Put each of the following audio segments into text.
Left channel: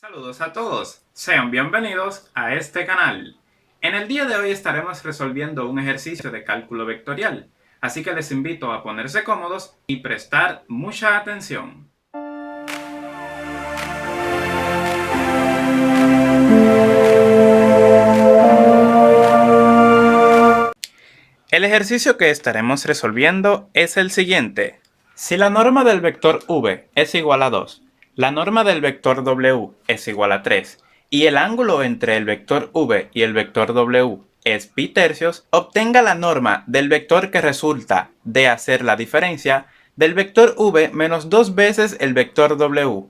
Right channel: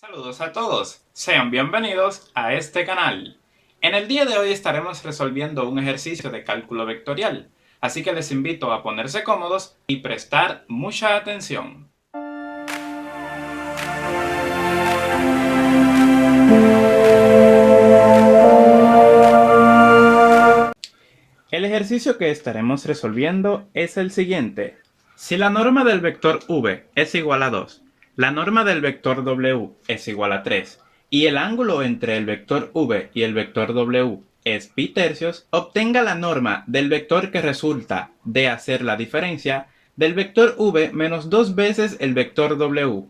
Saludos a todos, sean bienvenidos a este canal. En el día de hoy estaremos resolviendo un ejercicio de cálculo vectorial, así que les invito a ponerse cómodos y prestar mucha atención. El ejercicio que estaremos resolviendo es el siguiente. Si la norma del vector v es igual a 2, la norma del vector w es igual a 3, y el ángulo entre el vector v y el vector w es pi tercios, obtenga la norma del vector que resulta de hacer la diferencia del vector v menos 2 veces el vector w.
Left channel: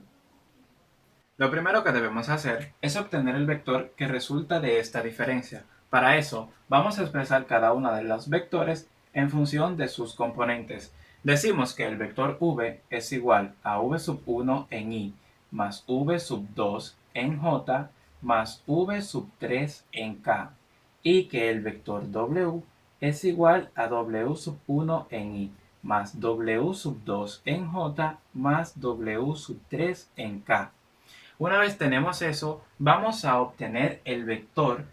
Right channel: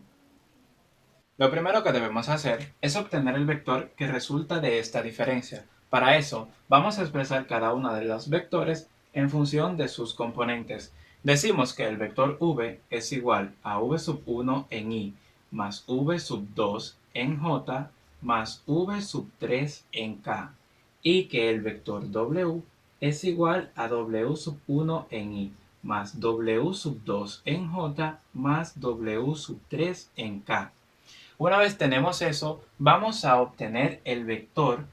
Lo primero que debemos hacer es obtener el vector que resulta de esta diferencia. Para eso, vamos a expresar cada uno de los vectores en función de sus componentes. Decimos que el vector v es igual a v sub 1 en i más v sub 2 en j más v sub 3 en k, y que el vector w es igual a w sub 1 en i más w sub 2 en j más w sub 3 en k. Una vez tenemos eso, vamos a obtener el vector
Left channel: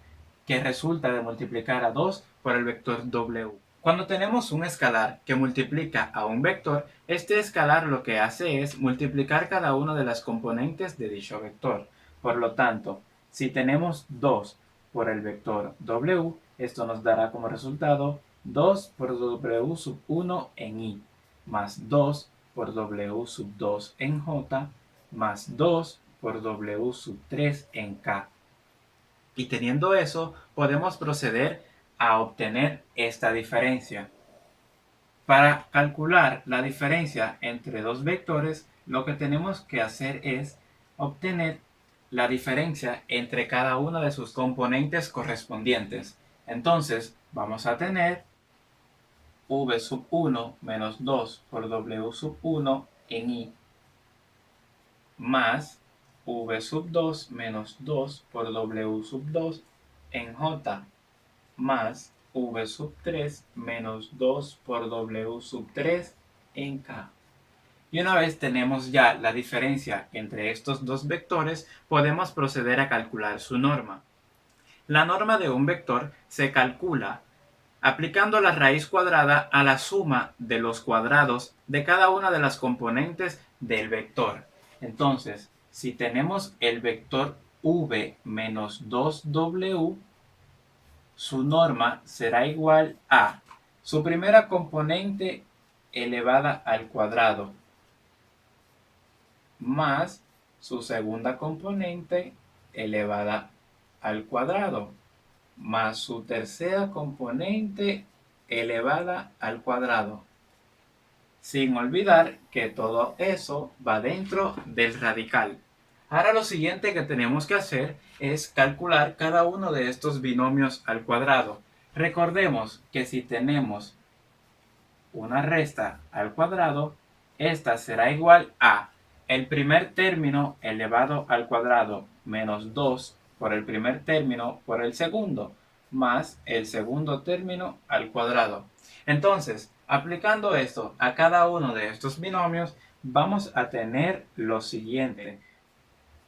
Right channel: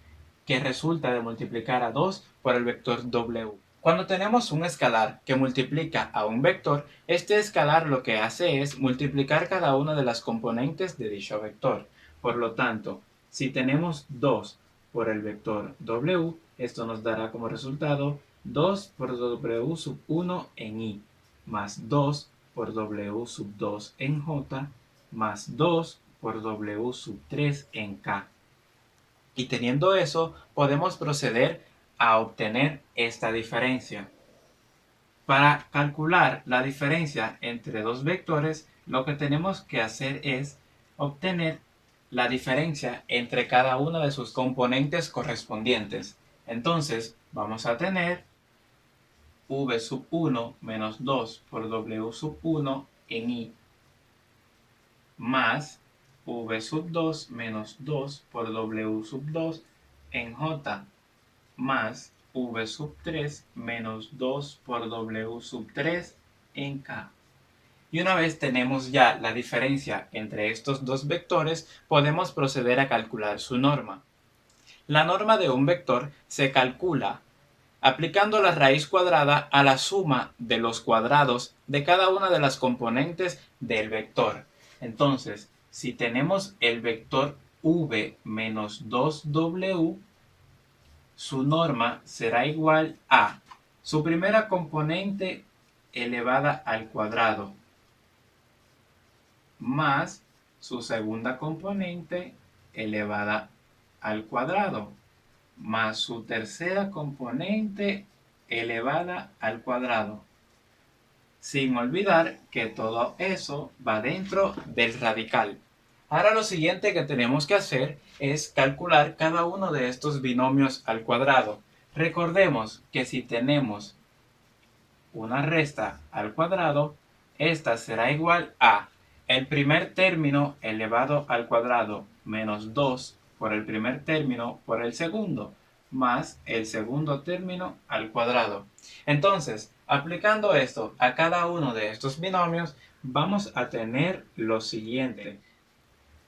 que resulta de multiplicar a 2 por el vector w. Cuando tenemos un escalar que multiplica a un vector, este escalar lo que hace es multiplicar cada una de las componentes de dicho vector. Por lo tanto, si tenemos 2 por el vector w, esto nos dará como resultado 2 por w sub 1 en i, más 2 por w sub 2 en j, más 2 por w sub 3 en k. Y teniendo eso, podemos proceder a obtener esta diferencia. Para calcular la diferencia entre dos vectores, lo que tenemos que hacer es obtener la diferencia entre cada una de sus componentes correspondientes. Entonces, vamos a tener v sub 1 menos 2 por w sub 1 en i más v sub 2 menos 2 por w sub 2 en j más v sub 3 menos 2 por w sub 3 en k. Y una vez tenemos ya la diferencia entre estos dos vectores, podemos proceder a calcular su norma. La norma de un vector se calcula aplicando la raíz cuadrada a la suma de los cuadrados de cada una de las componentes del vector. Entonces, si tenemos el vector v menos 2w, su norma será igual a su primera componente elevada al cuadrado más su segunda componente elevada al cuadrado más su tercera componente elevada al cuadrado, sin olvidar que todo eso va dentro del radical. Ahora lo siguiente que tenemos que hacer es calcular cada uno de estos binomios al cuadrado. Recordemos que si tenemos una resta al cuadrado, esta será igual a el primer término elevado al cuadrado menos 2 por el primer término por el segundo, más el segundo término al cuadrado. Entonces, aplicando esto a cada uno de estos binomios, vamos a tener lo siguiente.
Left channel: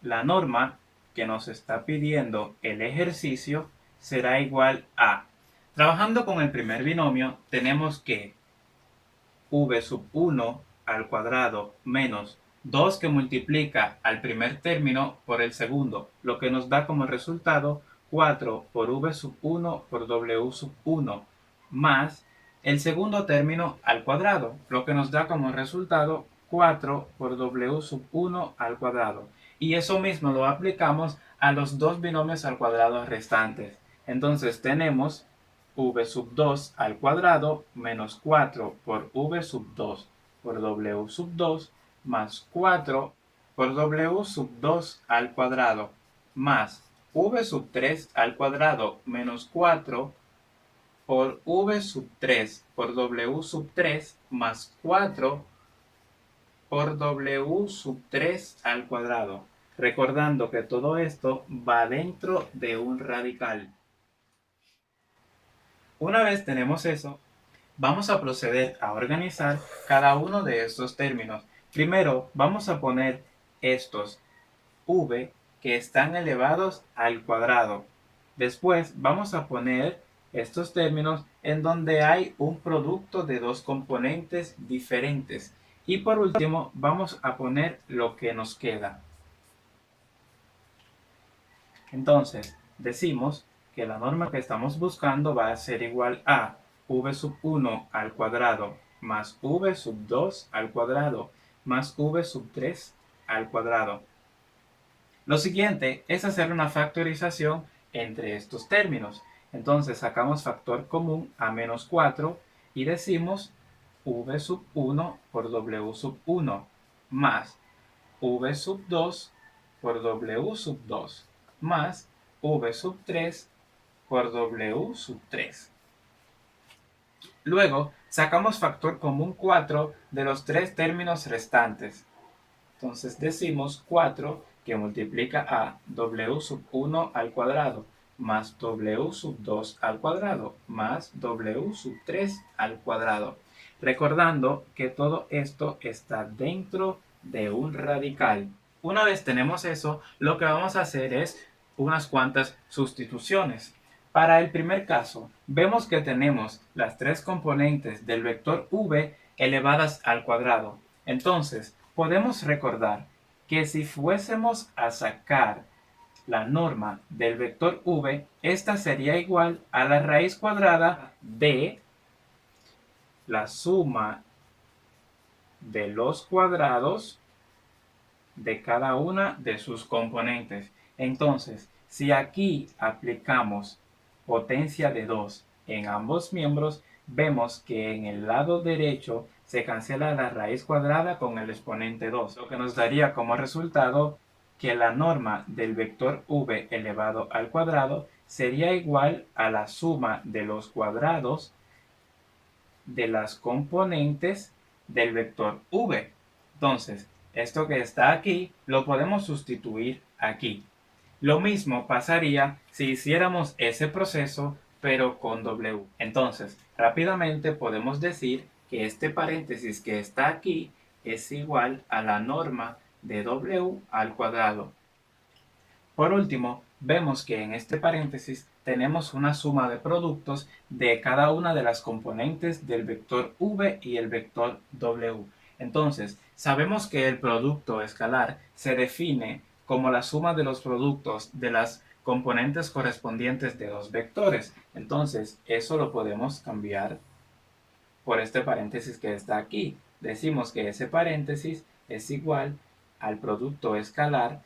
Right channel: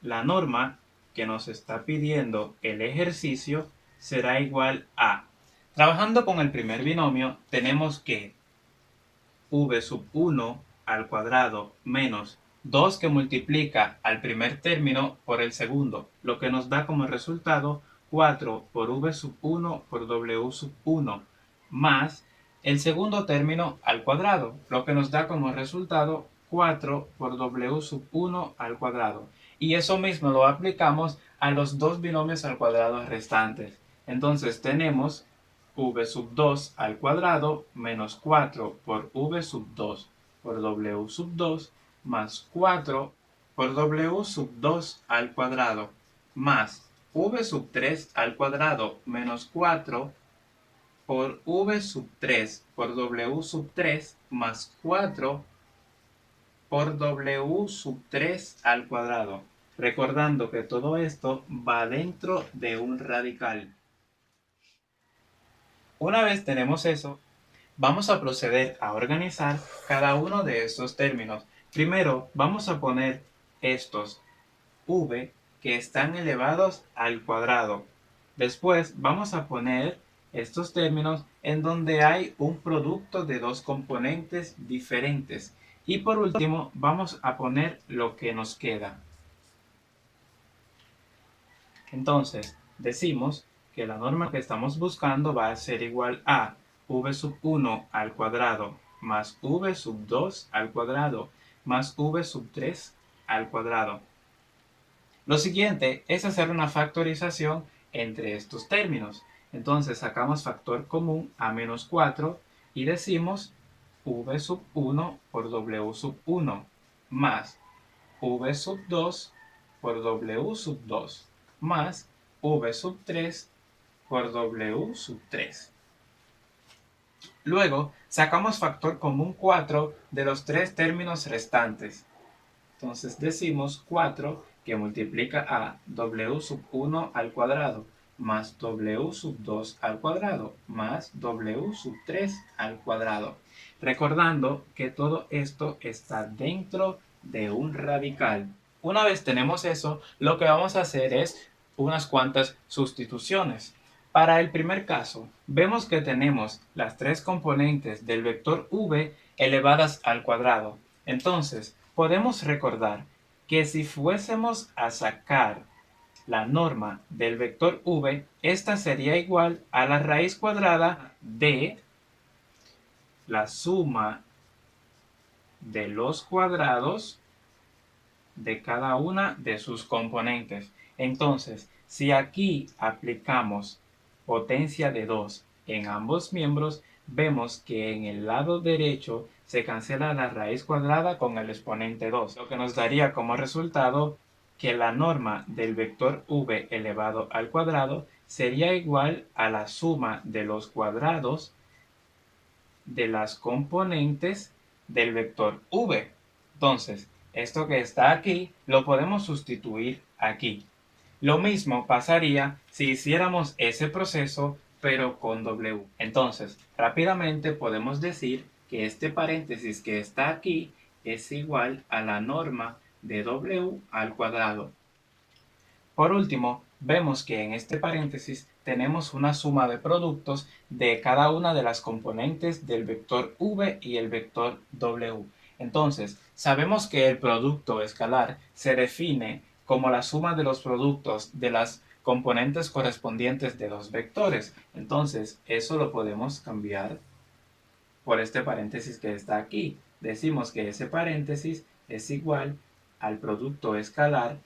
La norma que nos está pidiendo el ejercicio será igual a, trabajando con el primer binomio, tenemos que v sub 1 al cuadrado menos 2 que multiplica al primer término por el segundo, lo que nos da como resultado 4 por v sub 1 por w sub 1, más el segundo término al cuadrado, lo que nos da como resultado 4 por w sub 1 al cuadrado. Y eso mismo lo aplicamos a los dos binomios al cuadrado restantes. Entonces tenemos v sub 2 al cuadrado menos 4 por v sub 2 por w sub 2 más 4 por w sub 2 al cuadrado más v sub 3 al cuadrado menos 4 por v sub 3 por w sub 3 más 4 por w sub 3 al cuadrado. Recordando que todo esto va dentro de un radical. Una vez tenemos eso, vamos a proceder a organizar cada uno de estos términos. Primero vamos a poner estos v que están elevados al cuadrado. Después vamos a poner estos términos en donde hay un producto de dos componentes diferentes. Y por último vamos a poner lo que nos queda. Entonces decimos que la norma que estamos buscando va a ser igual a v sub 1 al cuadrado más v sub 2 al cuadrado más v sub 3 al cuadrado. Lo siguiente es hacer una factorización entre estos términos. Entonces sacamos factor común a menos 4 y decimos v sub 1 por w sub 1 más v sub 2 por w sub 2 más v sub 3 por w sub 3. Luego sacamos factor común 4 de los tres términos restantes. Entonces decimos 4 que multiplica a w sub 1 al cuadrado más w sub 2 al cuadrado más w sub 3 al cuadrado. Recordando que todo esto está dentro de un radical. Una vez tenemos eso, lo que vamos a hacer es unas cuantas sustituciones. Para el primer caso, vemos que tenemos las tres componentes del vector v elevadas al cuadrado. Entonces, podemos recordar que si fuésemos a sacar la norma del vector v, esta sería igual a la raíz cuadrada de la suma de los cuadrados de cada una de sus componentes. Entonces, si aquí aplicamos potencia de 2 en ambos miembros, vemos que en el lado derecho se cancela la raíz cuadrada con el exponente 2, lo que nos daría como resultado que la norma del vector v elevado al cuadrado sería igual a la suma de los cuadrados de las componentes del vector v. Entonces, esto que está aquí lo podemos sustituir aquí. Lo mismo pasaría si hiciéramos ese proceso pero con w. Entonces, rápidamente podemos decir que este paréntesis que está aquí es igual a la norma de w al cuadrado. Por último, vemos que en este paréntesis tenemos una suma de productos de cada una de las componentes del vector v y el vector w. Entonces, sabemos que el producto escalar se define como la suma de los productos de las componentes correspondientes de dos vectores. Entonces, eso lo podemos cambiar por este paréntesis que está aquí. Decimos que ese paréntesis es igual al producto escalar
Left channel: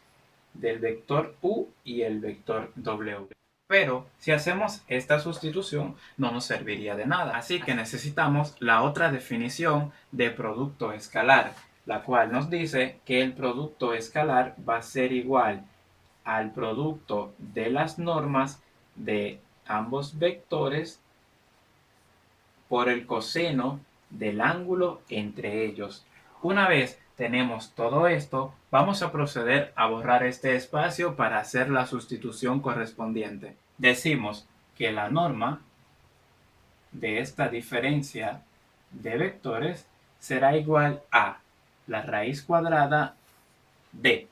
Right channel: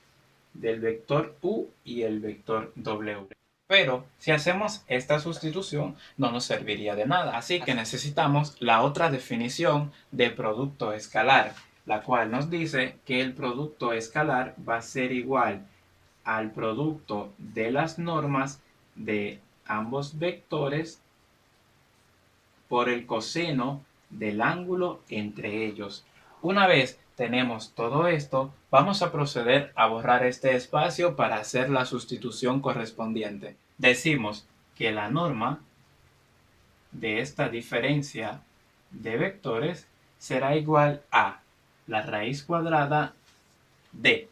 del vector u y el vector w. Pero si hacemos esta sustitución no nos serviría de nada, así que necesitamos la otra definición de producto escalar, la cual nos dice que el producto escalar va a ser igual al producto de las normas de ambos vectores por el coseno del ángulo entre ellos. Una vez tenemos todo esto, vamos a proceder a borrar este espacio para hacer la sustitución correspondiente. Decimos que la norma de esta diferencia de vectores será igual a la raíz cuadrada de.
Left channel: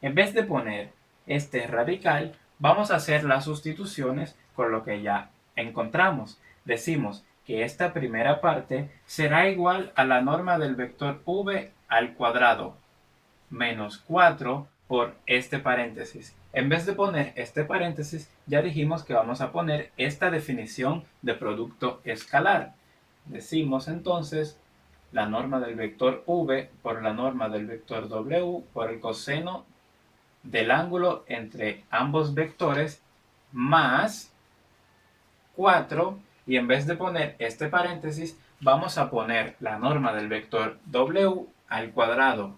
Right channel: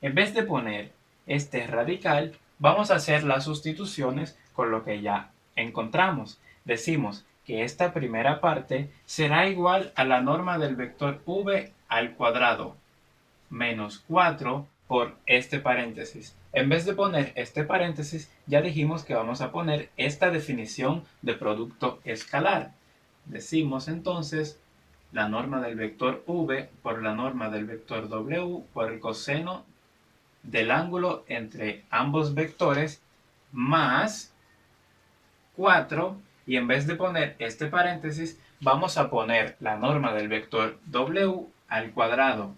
En vez de poner este radical, vamos a hacer las sustituciones con lo que ya encontramos. Decimos que esta primera parte será igual a la norma del vector v al cuadrado menos 4 por este paréntesis. En vez de poner este paréntesis, ya dijimos que vamos a poner esta definición de producto escalar. Decimos entonces la norma del vector v por la norma del vector w por el coseno del ángulo entre ambos vectores más 4, y en vez de poner este paréntesis vamos a poner la norma del vector w al cuadrado.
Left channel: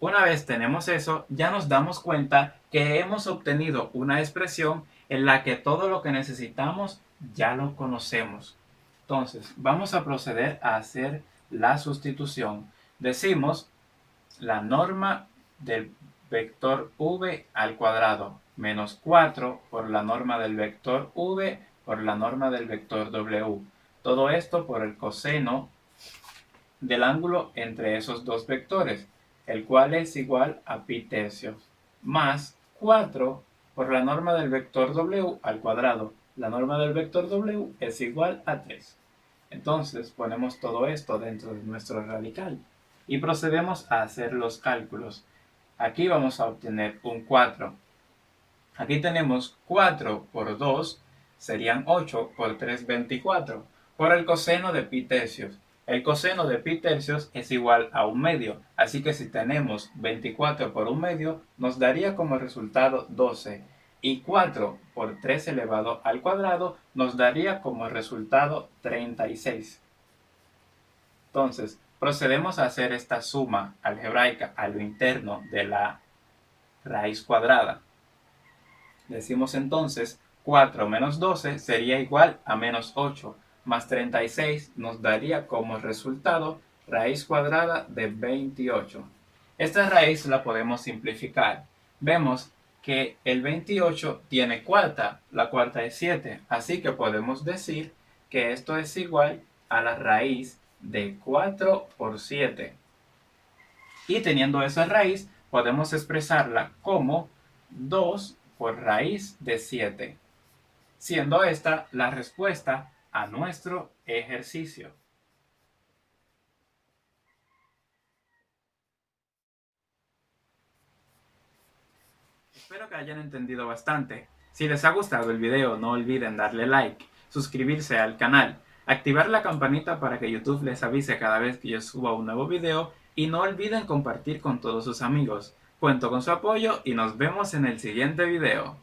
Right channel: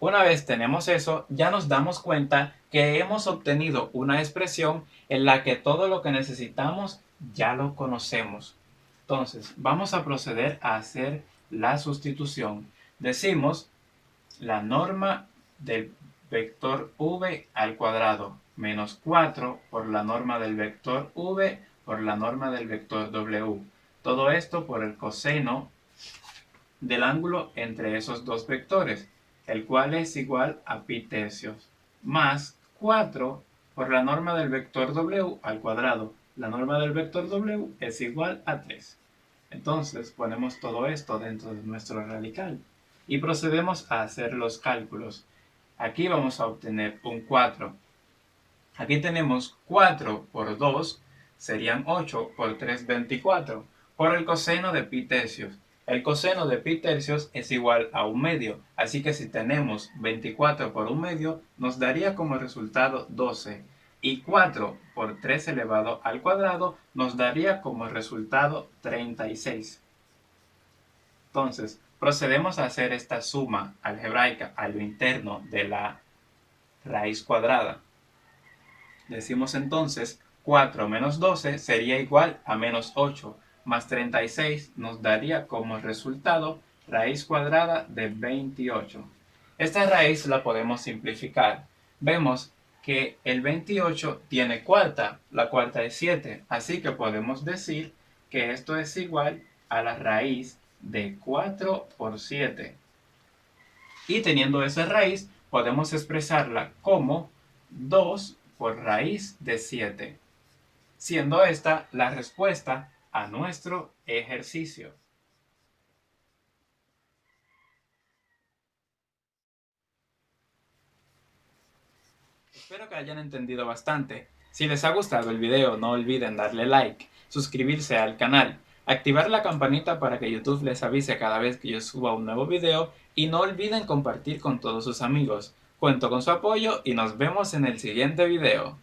Una vez tenemos eso, ya nos damos cuenta que hemos obtenido una expresión en la que todo lo que necesitamos ya lo conocemos. Entonces, vamos a proceder a hacer la sustitución. Decimos la norma del vector v al cuadrado menos 4 por la norma del vector v por la norma del vector w. Todo esto por el coseno del ángulo entre esos dos vectores. el cual es igual a pi tercios, más 4 por la norma del vector w al cuadrado. La norma del vector w es igual a 3. Entonces ponemos todo esto dentro de nuestro radical y procedemos a hacer los cálculos. Aquí vamos a obtener un 4. Aquí tenemos 4 por 2, serían 8 por 3, 24, por el coseno de pi tercios. El coseno de pi tercios es igual a 1/2, así que si tenemos 24 por 1/2, nos daría como resultado 12. Y 4 por 3 elevado al cuadrado nos daría como resultado 36. Entonces, procedemos a hacer esta suma algebraica a lo interno de la raíz cuadrada. Decimos entonces 4 menos 12 sería igual a menos 8, más 36 nos daría como resultado raíz cuadrada de 28. Esta raíz la podemos simplificar. Vemos que el 28 tiene cuarta, la cuarta es 7, así que podemos decir que esto es igual a la raíz de 4 por 7. Y teniendo esa raíz, podemos expresarla como 2 por raíz de 7, siendo esta la respuesta a nuestro ejercicio. Espero que hayan entendido bastante. Si les ha gustado el video, no olviden darle like, suscribirse al canal, activar la campanita para que YouTube les avise cada vez que yo suba un nuevo video y no olviden compartir con todos sus amigos. Cuento con su apoyo y nos vemos en el siguiente video.